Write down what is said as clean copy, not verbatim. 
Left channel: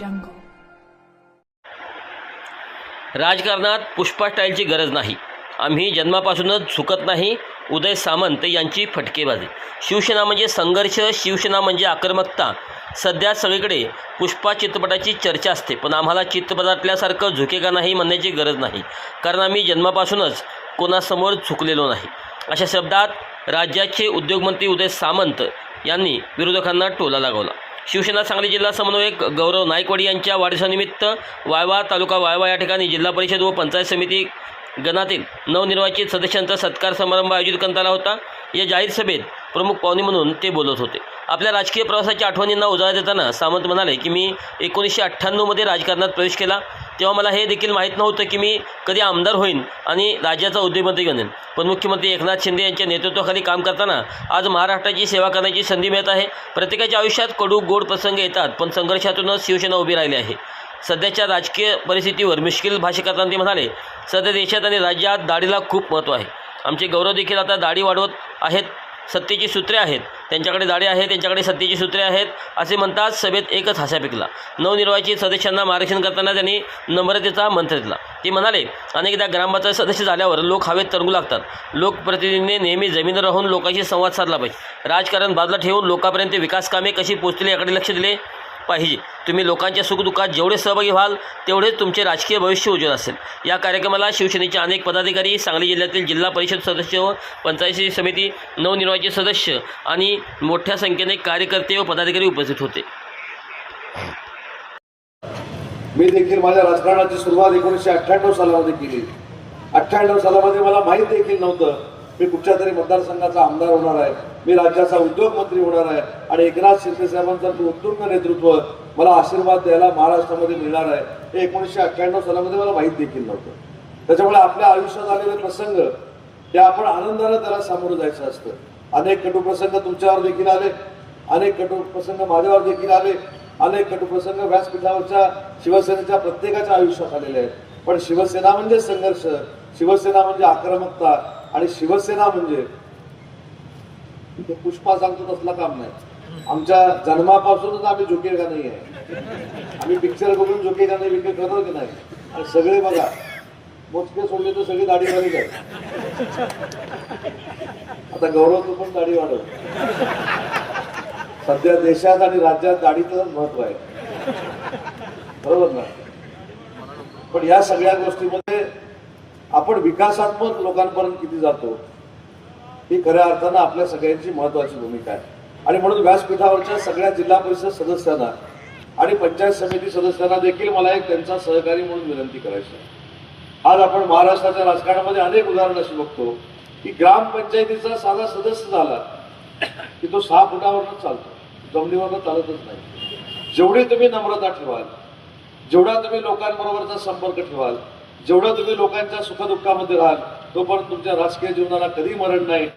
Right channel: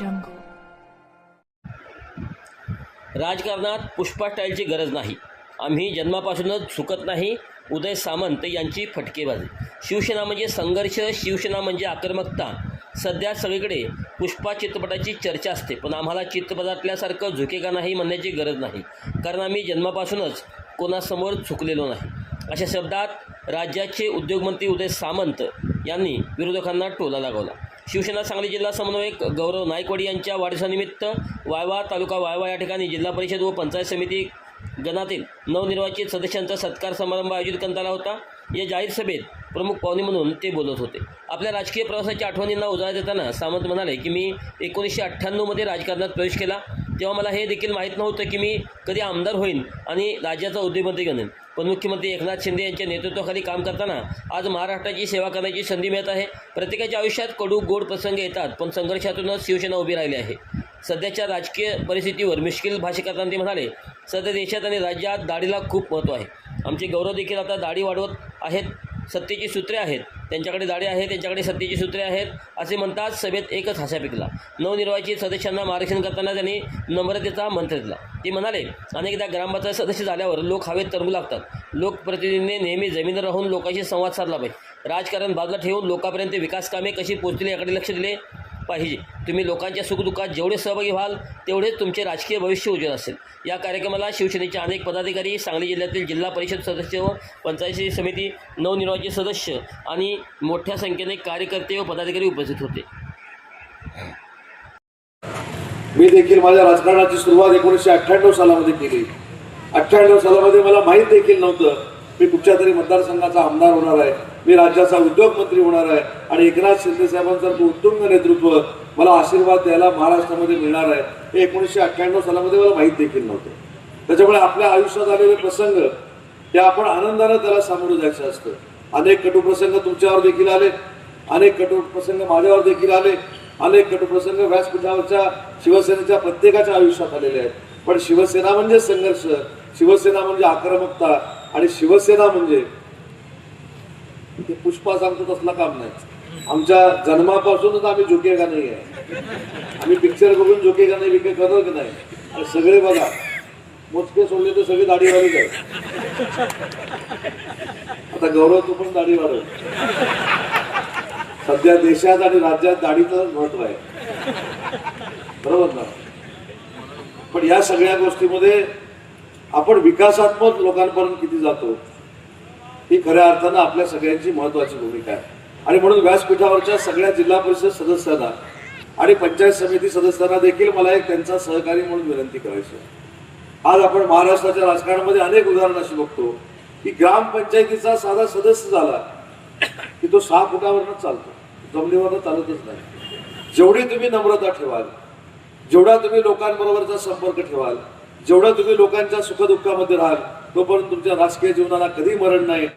jungle. राजकारणात पुष्पा स्टाईलची गरज नाही. आम्ही जन्मापासूनच झुकत नाही. उदय सामंत यांची फटकेबाजी. शिवसेना म्हणजे संघर्ष, शिवसेना म्हणजे आक्रमकता. सध्या सगळीकडे पुष्पा चित्रपटाची चर्चा असते, पण आम्हाला चित्रपटातल्यासारखं झुकेगा नाही म्हणण्याची गरज नाही, कारण आम्ही जन्मापासूनच कोणासमोर झुकलेलो नाही. अशा शब्दात राज्याचे उद्योगमंत्री उदय सामंत यांनी विरोधकांना टोला लगावला. शिवसेना सांगली जिल्हा समन्वयक गौरव नायकवाडी यांच्या वाढदिवसानिमित्त वायवा तालुका वायवा या ठिकाणी जिल्हा परिषद व पंचायत समिती गणातील नवनिर्वाचित सदस्यांचा सत्कार समारंभ आयोजित करण्यात आला होता. या जाहीर सभेत प्रमुख पाहुणे म्हणून ते बोलत होते. आपल्या राजकीय प्रवासाच्या आठवणींना उजाळा देताना सामंत म्हणाले की मी 1998मध्ये राजकारणात प्रवेश केला, तेव्हा मला हे देखील माहीत नव्हतं की मी कधी आमदार होईन आणि राज्याचा उद्योगमंत्री बनेन. पण मुख्यमंत्री एकनाथ शिंदे यांच्या नेतृत्वाखाली काम करताना आज महाराष्ट्राची सेवा करण्याची संधी मिळत आहे. प्रत्येकाच्या आयुष्यात कडू गोड प्रसंग येतात, पण संघर्षातूनच शिवसेना उभी राहिली आहे. सध्याच्या राजकीय परिस्थितीवर मिश्किल भाष्य करताना ते म्हणाले, सध्या देशात आणि राज्यात दाढीला खूप महत्त्व आहे. आमचे गौरव देखील आता दाढी वाढवत आहेत. सत्तेची सूत्रे आहेत, त्यांच्याकडे दाढी आहे, त्यांच्याकडे सत्तेची सूत्रे आहेत असे म्हणतात. सभेत एकच हास्य पिकला. नवनिर्वाचित सदस्यांना मार्गदर्शन करताना त्यांनी नम्रतेचा मंत्र दिला. ते म्हणाले, अनेकदा ग्रामपंचायत सदस्य झाल्यावर लोक हवेत तरंगू लागतात. लोकप्रतिनिधींनी नेहमी जमिनीवर राहून लोकांशी संवाद साधला पाहिजे. राजकारण बाजूला ठेवून लोकांपर्यंत विकास कामे कशी पोहोचली याकडे लक्ष दिले पाहिजे. तुम्ही लोकांच्या सुखदुःखात जेवढे सहभागी व्हाल तेवढेच तुमचे राजकीय भविष्य उज्ज्वल असेल. या कार्यक्रमाला शिवसेनेचे अनेक पदाधिकारी, सांगली जिल्ह्यातील जिल्हा परिषद सदस्य व पंचायत समिती नवनिर्वाचित सदस्य आणि मोठ्या संख्येने कार्यकर्ते व पदाधिकारी उपस्थित होते. मी देखील माझ्या राजकारणाची सुरुवात 1998 सालामध्ये केली. 98 सालामध्ये मला माहीत देखील नव्हतं मी कुठच्या तरी मतदारसंघाचा आमदार होणार आहे, मी राज्याचा उद्योगमंत्री होणार आहे आणि एकनाथ शिंदे साहेबांचं उत्तुंग नेतृत्व मला आशीर्वाद द्यायला महाराष्ट्रामध्ये मिळणार आहे हे 1998 सालामध्ये मला माहीत देखील नव्हतं. त्याच्यामुळे आपल्या आयुष्यात आलेले प्रसंग ते आपण आनंदाने त्याला सामोरं जायचं असतं. अनेक कटुप्रसंग तुमच्यावर देखील आले, अनेक कटुप्रसंग माझ्यावर देखील आले, अनेक कटुप्रसंग व्यासपीठावरच्या शिवसेनेच्या प्रत्येकाच्या आयुष्यात आलेले आहेत. पण शिवसेना म्हणजे संघर्ष, शिवसेना म्हणजे आक्रमकता आणि शिवसेना म्हणजे ते पुष्पा सांगतो तसलं काम नाही. आमच्या जन्मापासूनच आम्ही झुकेगा नाही आहे. आम्ही पिक्चर बघून झुकेगा नाही विकेट करतो की नाही. आणि सगळे बघा मोजके सोडले तर सगळे दाढीवाली जात. आता गौरव तू पण दाढी वाढव. सध्या देशात आणि राज्यात दाढीचं महत्व आहे, बरोबर ना. पण या सगळ्या गोष्टीमध्ये आपण विकासात्मक लोकांपर्यंत किती जातो ही खऱ्या अर्थानं आपल्या सगळ्यांची महत्वाची भूमिका आहे. आणि म्हणून व्यासपीठावरच्या सगळ्या जिल्हा परिषद सदस्यांना आणि पंचायत समिती सदस्यांना देखील मला एक त्यांचा सहकारी म्हणून विनंती करायची. आज आपण महाराष्ट्राच्या राजकारणामध्ये अनेक उदाहरणं अशी बघतो की ग्रामपंचायतीचा साधा सदस्य झाला की तो 6 फुटावरच चालतो, जमिनीवरनं चालतच नाही. जेवढी तुम्ही नम्रता ठेवाल, जेवढा तुम्ही लोकांबरोबरचा संपर्क ठेवाल, जेवढा तुम्ही लोकांच्या सुखदुःखामध्ये राहाल, तोपर्यंत तुमच्या राजकीय जीवनाला कधी मरण नाही.